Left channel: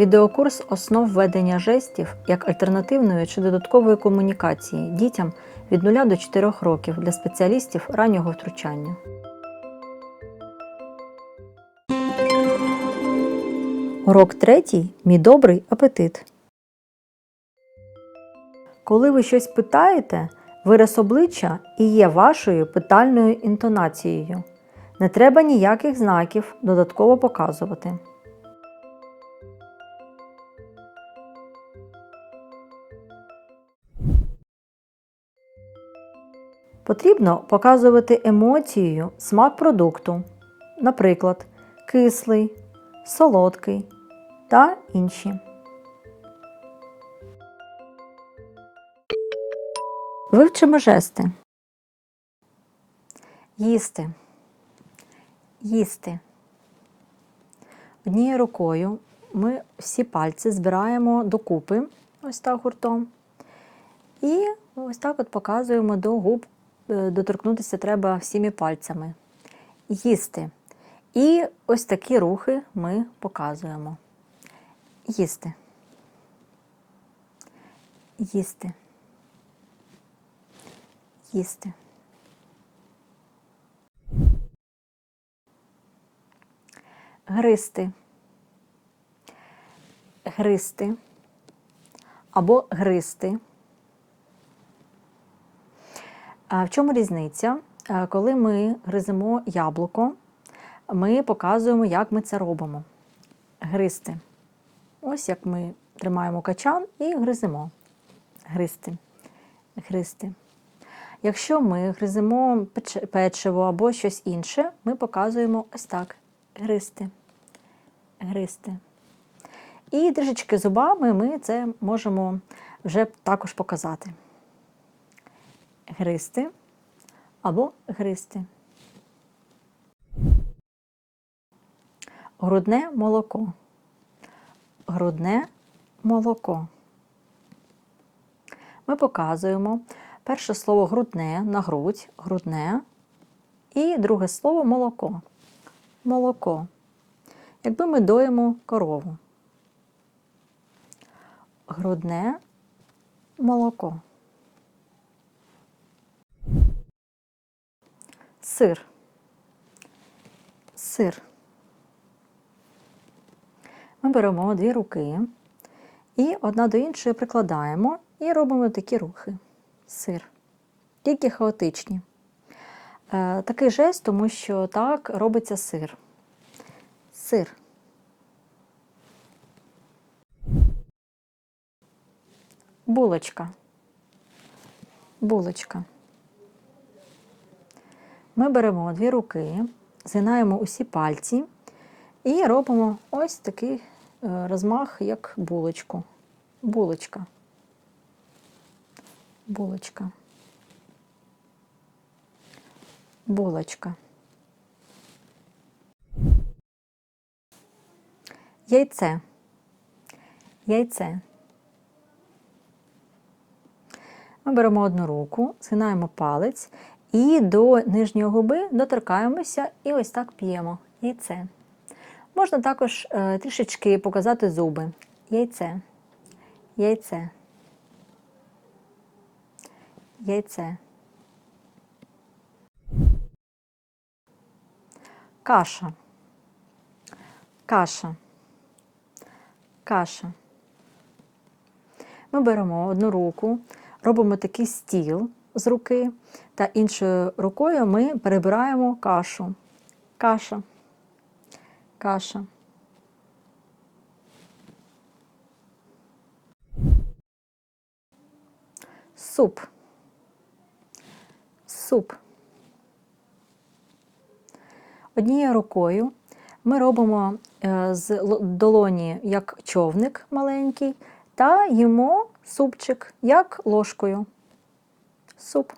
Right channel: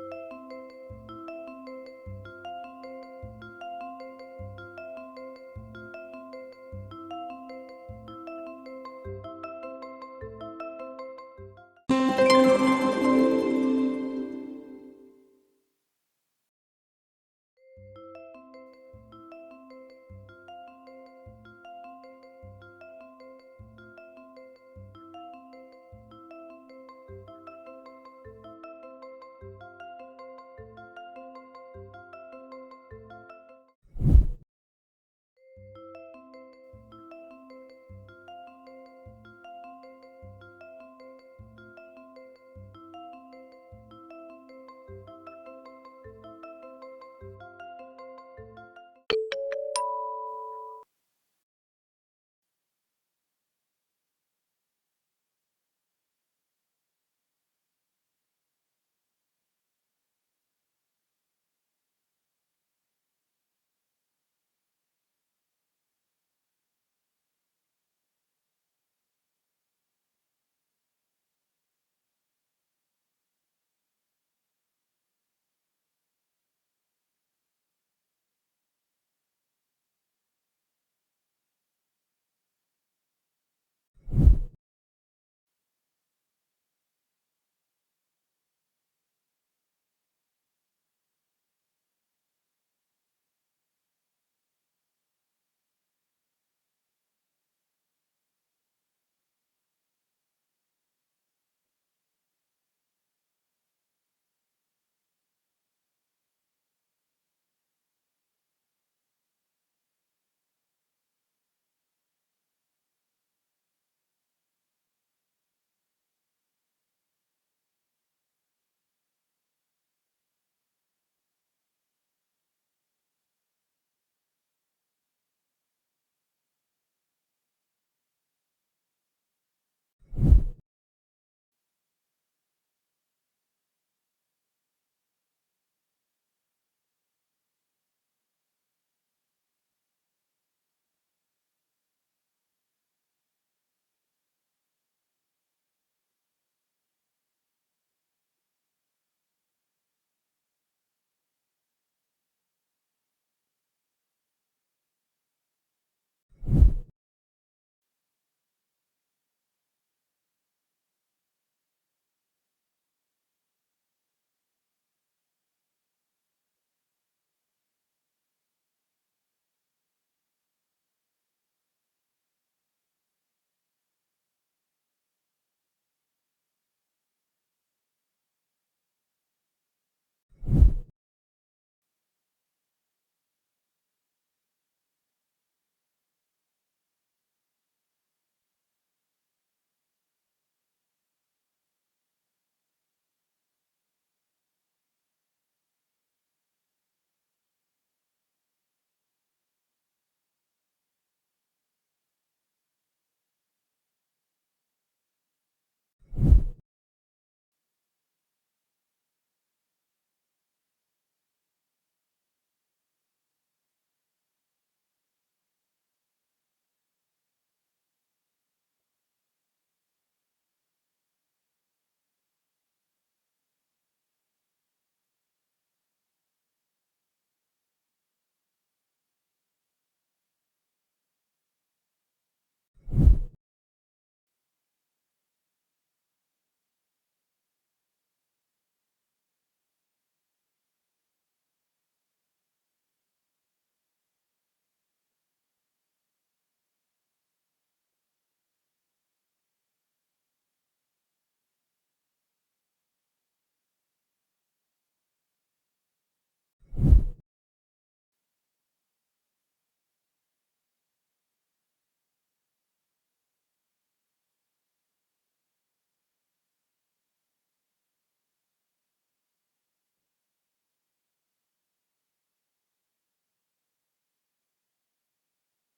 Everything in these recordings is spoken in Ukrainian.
Відеокурс основ ведення жестів як альтернативної чи додаткової комунікації дітям від 0 до 4 років для спеціалістів раннього втручання. Урок третій. Мій добрий апетит. Коли ви щось питаєте, вираз обличчя і є вашою питальною інтонацією. Не треба ніяких знаків додатково показувати. Потрібно показувати емоцією смак продукту, наприклад, кислий, солодкий та інші. Вивчимо жести. Їсти. Їсти. Однією рукою ми всі пальці збираємо докупи, ось так гуртом. І ось так от показуємо до губ, доторкнутися треба всіми пальцями. Їсти. І ось такі рухи ми показуємо. Їсти. Їсти. Їсти. Гристи. Гристи. Або гристи. А В чому різниця? Коли ми гриземо яблуко, ми показуємо, як ми це робимо. Гристи. Ось як ми тримаємо качан і гриземо. Гристи. Гристи. Якщо ми гриземо печиво або щось інше, ми показуємо ось так. Гристи. Гристи. І трішечки зубами ми це можемо вже також показати. Гристи або гристи. Грудне молоко. Грудне молоко. Ми показуємо перше слово грудне на грудь, грудне, і друге слово молоко. Молоко. Якби ми доїмо корову. Грудне молоко. Сир. Сир. Ми беремо дві руки і одна до іншої прикладаємо і робимо такі рухи. Сир. Тільки хаотичні. Е, такий жест, тому що так робиться сир. Сир. Булочка. Булочка. Ми беремо дві руки, згинаємо усі пальці і робимо ось такий е, розмах, як булочку. Булочка. Булочка. Булочка. Яйце. Яйце. Ми беремо одну руку, згинаємо палець і до нижньої губи доторкаємося і ось так п'ємо яйце. Можна також е, трішечки показати зуби. Яйце. Яйце. Яйце. Каша. Каша. Каша. Ми беремо одну руку, робимо такий стіл з руки, та іншою рукою ми перебираємо кашу. Каша. Каша. Суп. Суп. Однією рукою ми робимо е, з долоні як човник маленький, та їмо супчик як ложкою. Суп.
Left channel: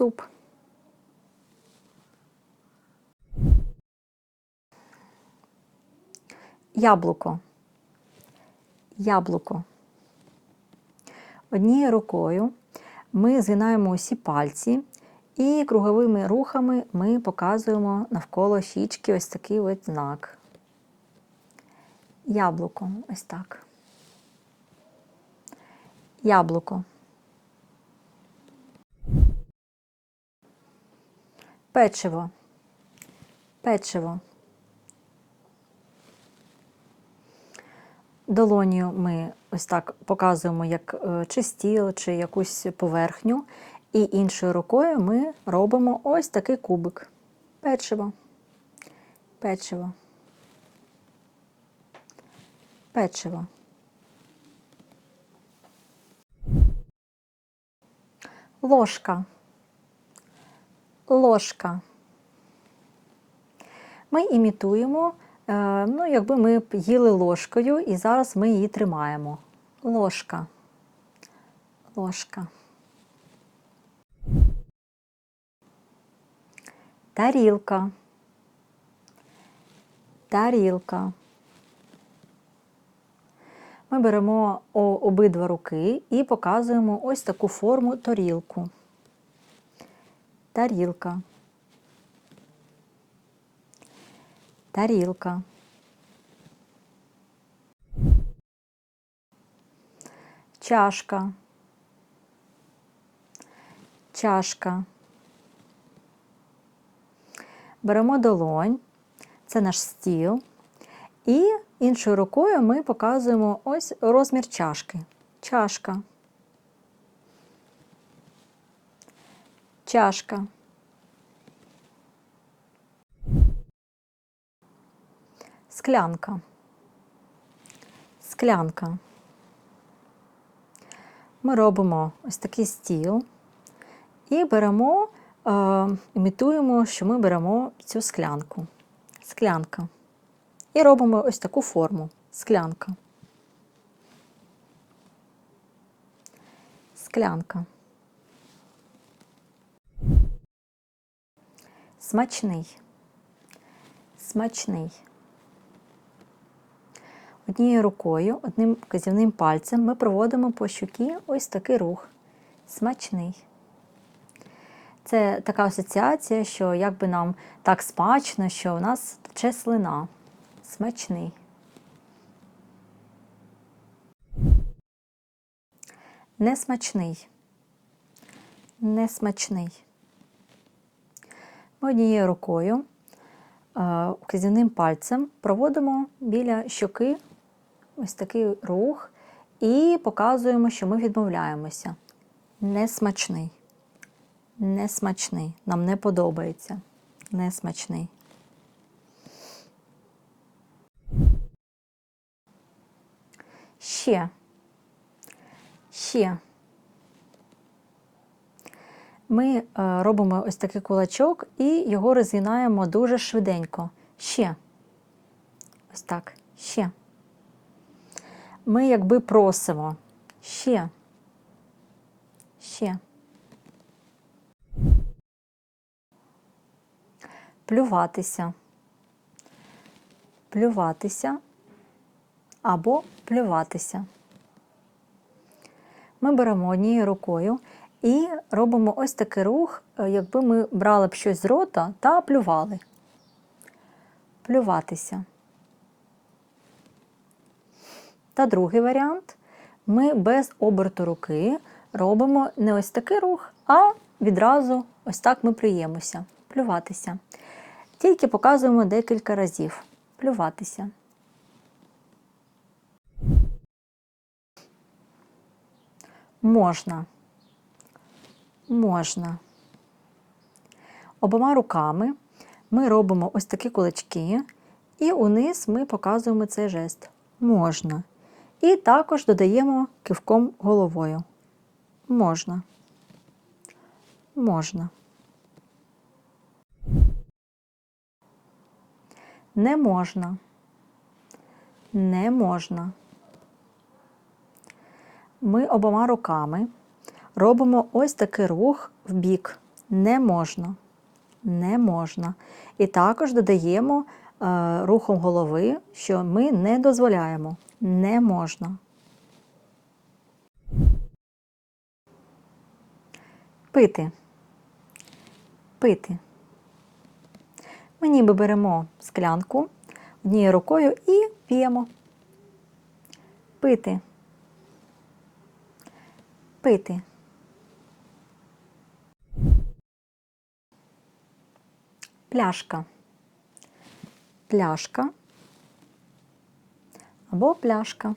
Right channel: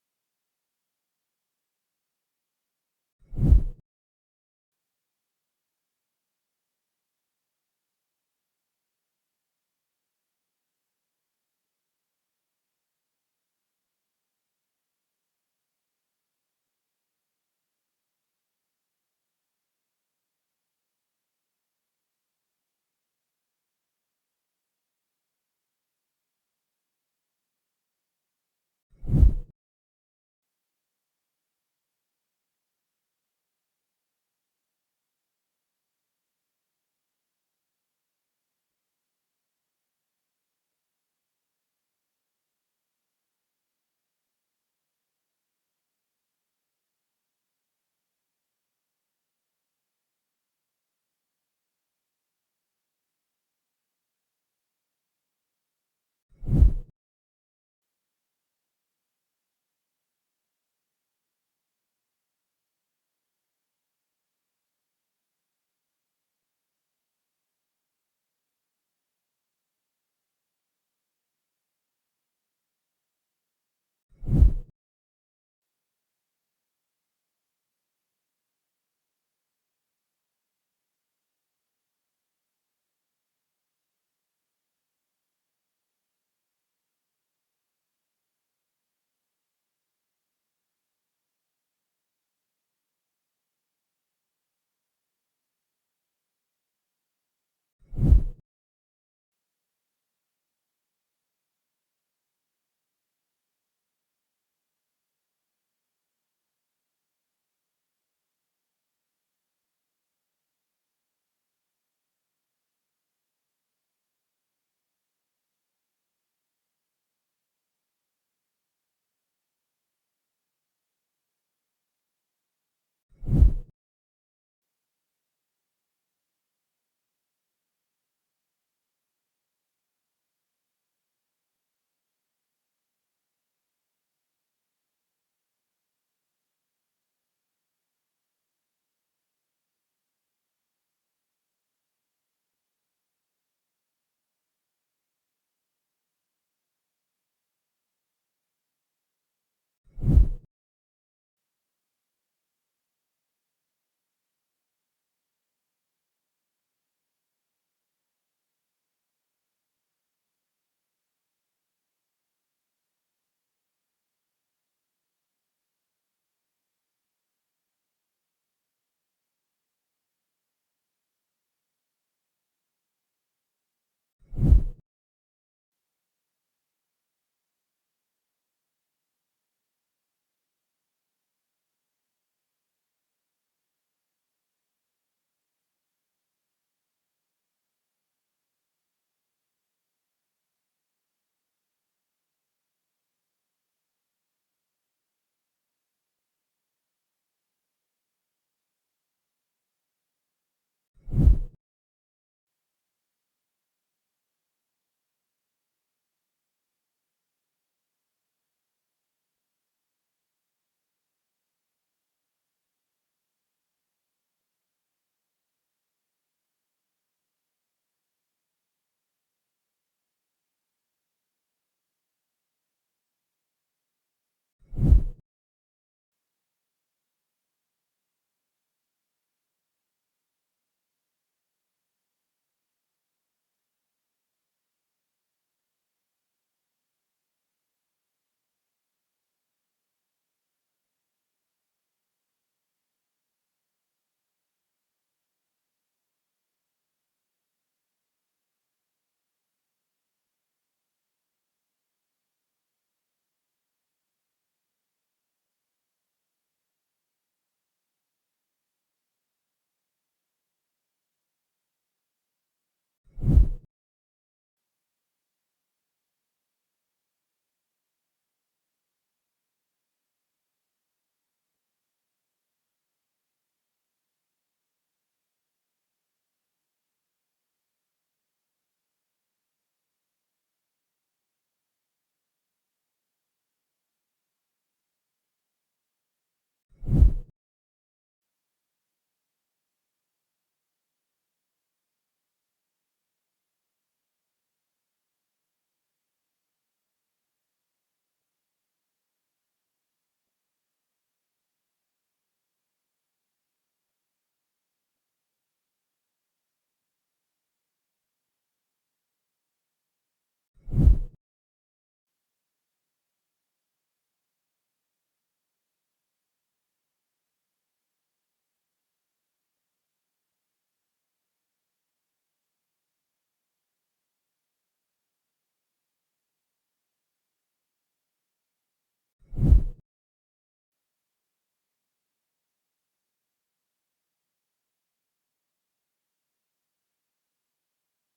Суп. Яблуко. Яблуко. Однією рукою ми згинаємо усі пальці і круговими рухами ми показуємо навколо щічки ось такий от знак. Яблуко. Ось так. Яблуко. Печиво. Печиво. Долонію ми ось так показуємо як е, чи стіл, чи якусь поверхню. І іншою рукою ми робимо ось такий кубик. Печиво. Печиво. Печиво. Ложка. Ложка. Ми імітуємо, е, ну, якби ми їли ложкою, і зараз ми її тримаємо. Ложка. Ложка. Тарілка. Тарілка. Ми беремо обидва руки і показуємо ось таку форму тарілку. Тарілка. Тарілка. Чашка. Чашка. Беремо долонь, це наш стіл. І іншою рукою ми показуємо ось розмір чашки. Чашка. Чашка. Склянка. Склянка. Ми робимо ось такий стіл і беремо, е, імітуємо, що ми беремо цю склянку. Склянка. І робимо ось таку форму. Склянка. Склянка. Смачний. Смачний. Однією рукою, одним вказівним пальцем ми проводимо по щукі ось такий рух. Смачний. Це така асоціація, що якби нам так смачно, що у нас тече слина. Смачний. Несмачний. Несмачний. Однією рукою, е, вказівним пальцем проводимо біля щоки ось такий рух і показуємо, що ми відмовляємося. Несмачний. Несмачний. Нам не подобається. Несмачний. Ще. Ще. Ми е, робимо ось такий кулачок і його розгинаємо дуже швиденько. Ще. Ось так. Ще. Ми якби просимо. Ще. Ще. Плюватися. Плюватися або плюватися. Ми беремо однією рукою і робимо ось такий рух, е, якби ми брали б щось з рота та плювали. Плюватися. Та другий варіант ми без оберту руки робимо не ось такий рух, а відразу ось так ми плюємося. Плюватися. Тільки показуємо декілька разів. Плюватися. Можна. Можна. Обома руками ми робимо ось такі кулачки, і униз ми показуємо цей жест. Можна. І також додаємо кивком головою. Можна. Можна. Не можна. Не можна. Ми обома руками робимо ось такий рух в бік. Не можна. Не можна. І також додаємо е, рухом голови, що ми не дозволяємо. Не можна. Пити. Пити. Ми ніби беремо склянку однією рукою і п'ємо. пити, пити. Пляшка, пляшка або пляшка.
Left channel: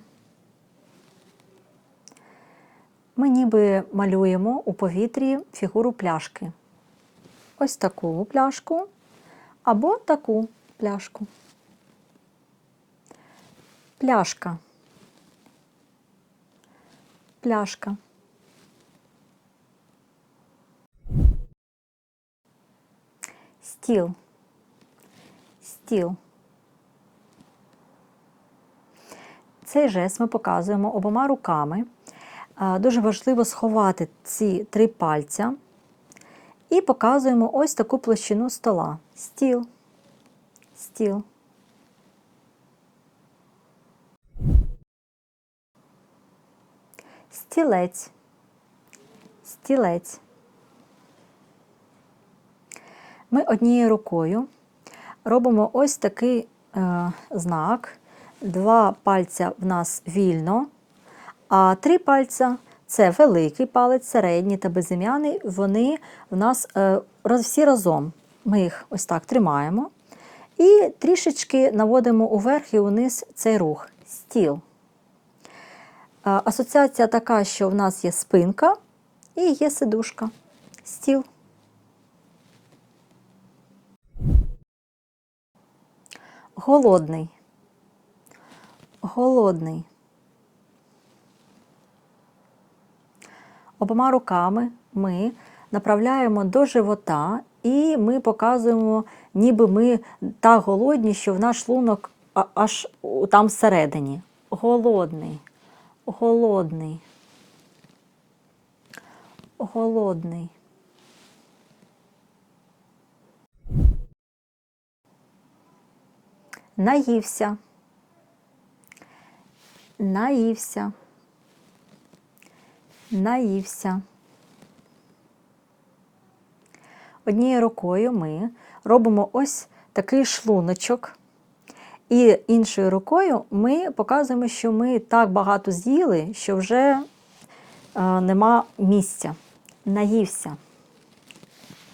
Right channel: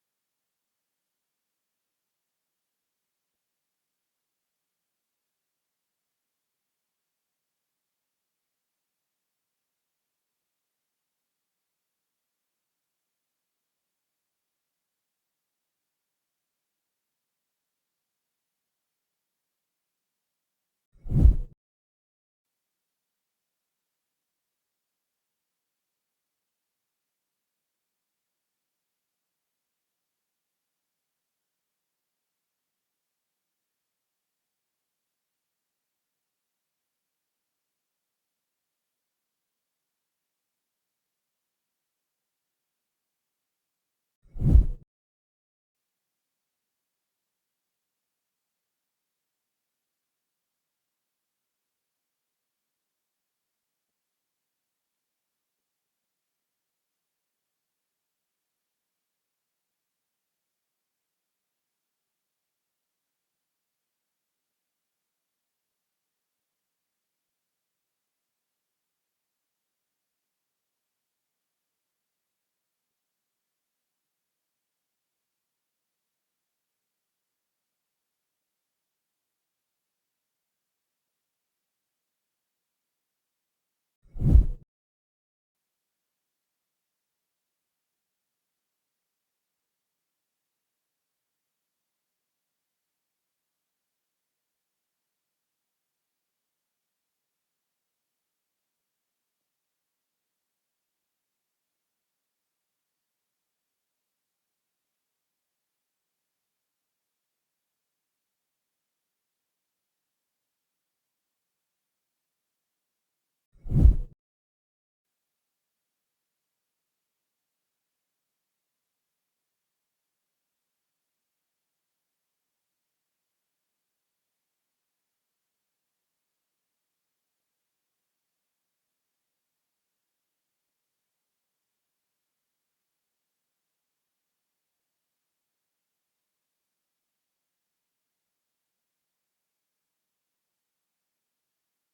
Ми ніби малюємо у повітрі фігуру пляшки. Ось таку пляшку або таку пляшку. Пляшка. Пляшка. Стіл. Стіл. Цей жест ми показуємо обома руками. Дуже важливо сховати ці три пальця і показуємо ось таку площину стола. Стіл. Стіл. Стілець. Стілець. Ми однією рукою робимо ось такий е, знак. Два пальця в нас вільно, а три пальця це великий палець, середній та безім'яний. Вони в нас е, всі разом. Ми їх ось так тримаємо. І трішечки наводимо уверх і униз цей рух. Стіл. Е, Асоціація така, що в нас є спинка і є сидушка. Стіл. Голодний. Голодний. Обома руками ми направляємо до живота і ми показуємо, ніби ми так голодні, що в наш шлунок аж там всередині. Голодний. Голодний. Голодний. Наївся. Наївся. Наївся. Однією рукою ми робимо ось такий шлуночок. І іншою рукою ми показуємо, що ми так багато з'їли, що вже е, нема місця. Наївся.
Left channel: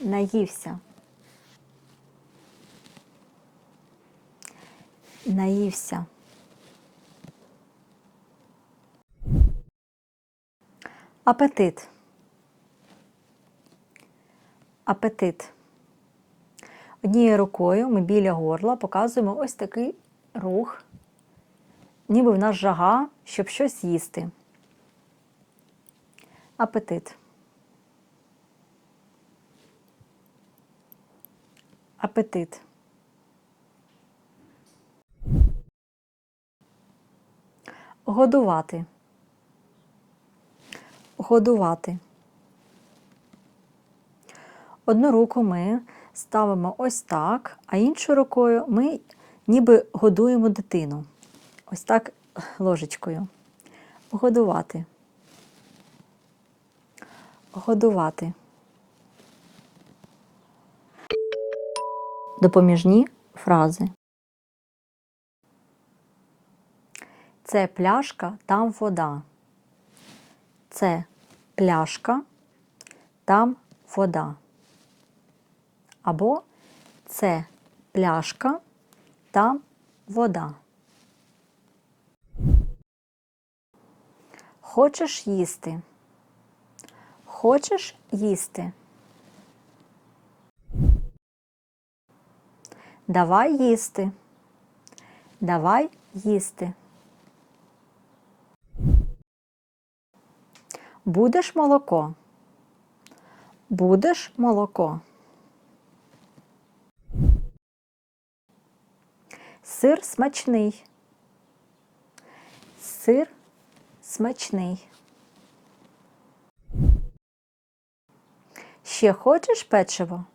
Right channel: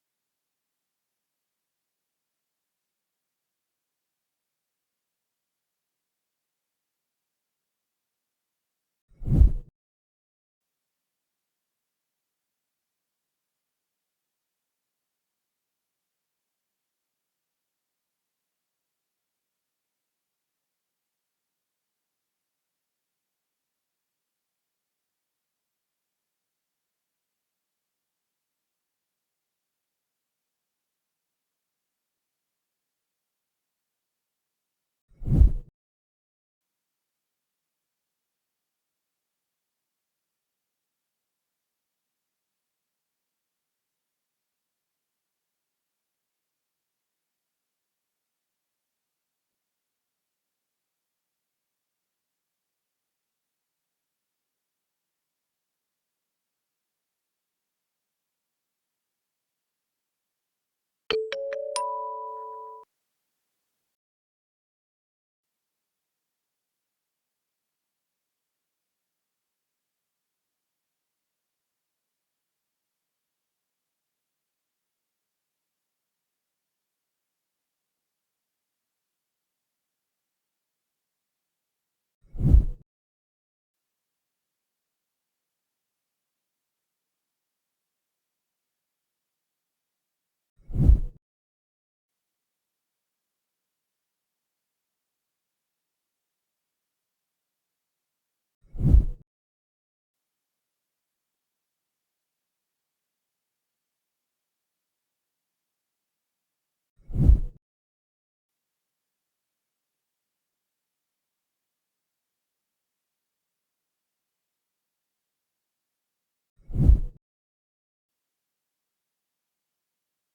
Наївся. Наївся. Апетит. Апетит. Однією рукою ми біля горла показуємо ось такий рух, ніби в нас жага, щоб щось їсти. Апетит. Апетит. Годувати. Годувати. Одну руку ми ставимо ось так, а іншу рукою ми ніби годуємо дитину. Ось так ложечкою. Годувати. Годувати. Допоміжні фрази. Це пляшка, там вода. Це пляшка, там вода. Або це пляшка, там вода. Хочеш їсти? Хочеш їсти? Давай їсти. Давай їсти. Будеш молоко? Будеш молоко? Сир смачний. Сир смачний. Ще хочеш печиво?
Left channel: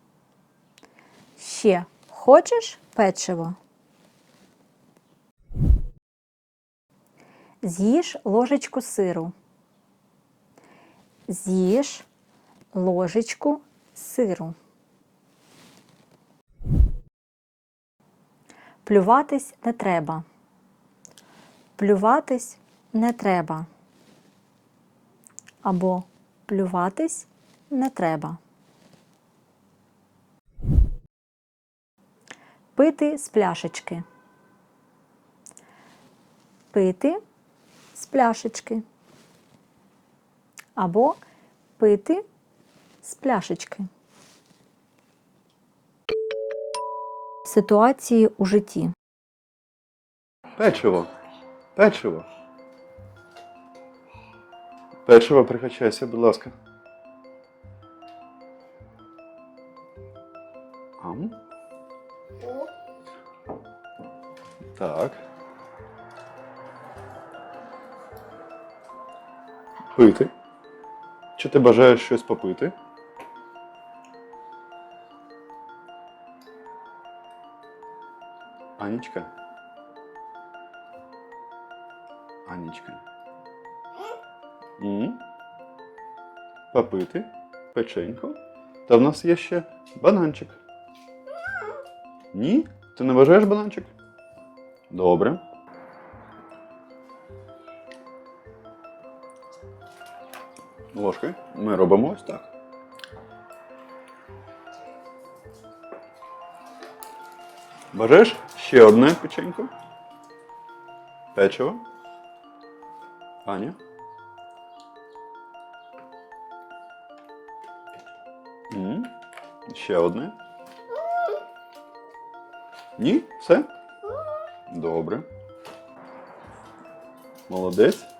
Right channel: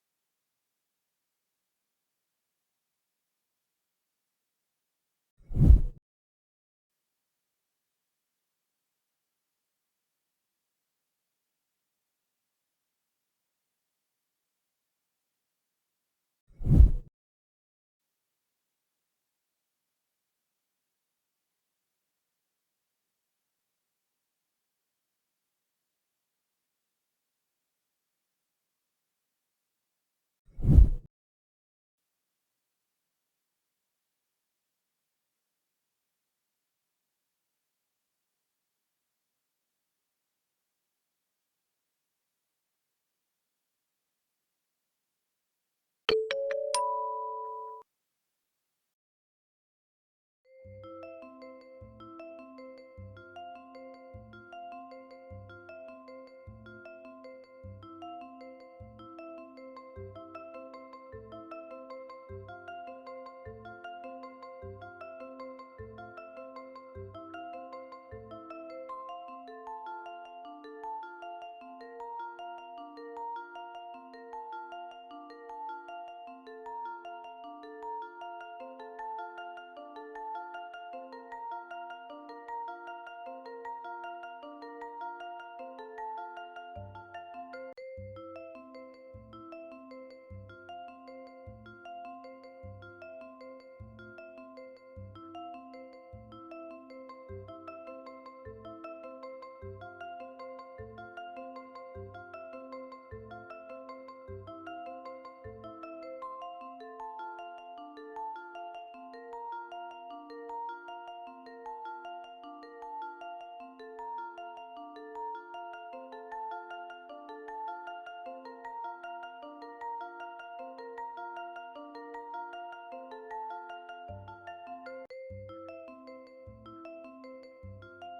Ще хочеш печиво? З'їж ложечку сиру. З'їж ложечку сиру. Плюватись не треба. Плюватись не треба. Або плюватись не треба. Пити з пляшечки. Пити з пляшечки. Або пити з пляшечки. Ситуації у житті. Печиво. Печиво. Печиво, прикачайся, будь ласка. Ам. Так. Пити. Чи ти бажаєш щось попити? Анічка. Анічка. М? Попити печеньку. Та в нас є ще бананчик. Ні? Ти не бажаєш бананчик? Добре. Ложкою ми робимо ось так. Бажаєш ще одне печенько? Печиво. Аня. Ще одне. Ні? Все? Добре. Молодець.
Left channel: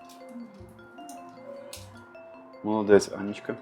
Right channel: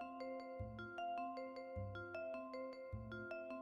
Молодець, Анічка.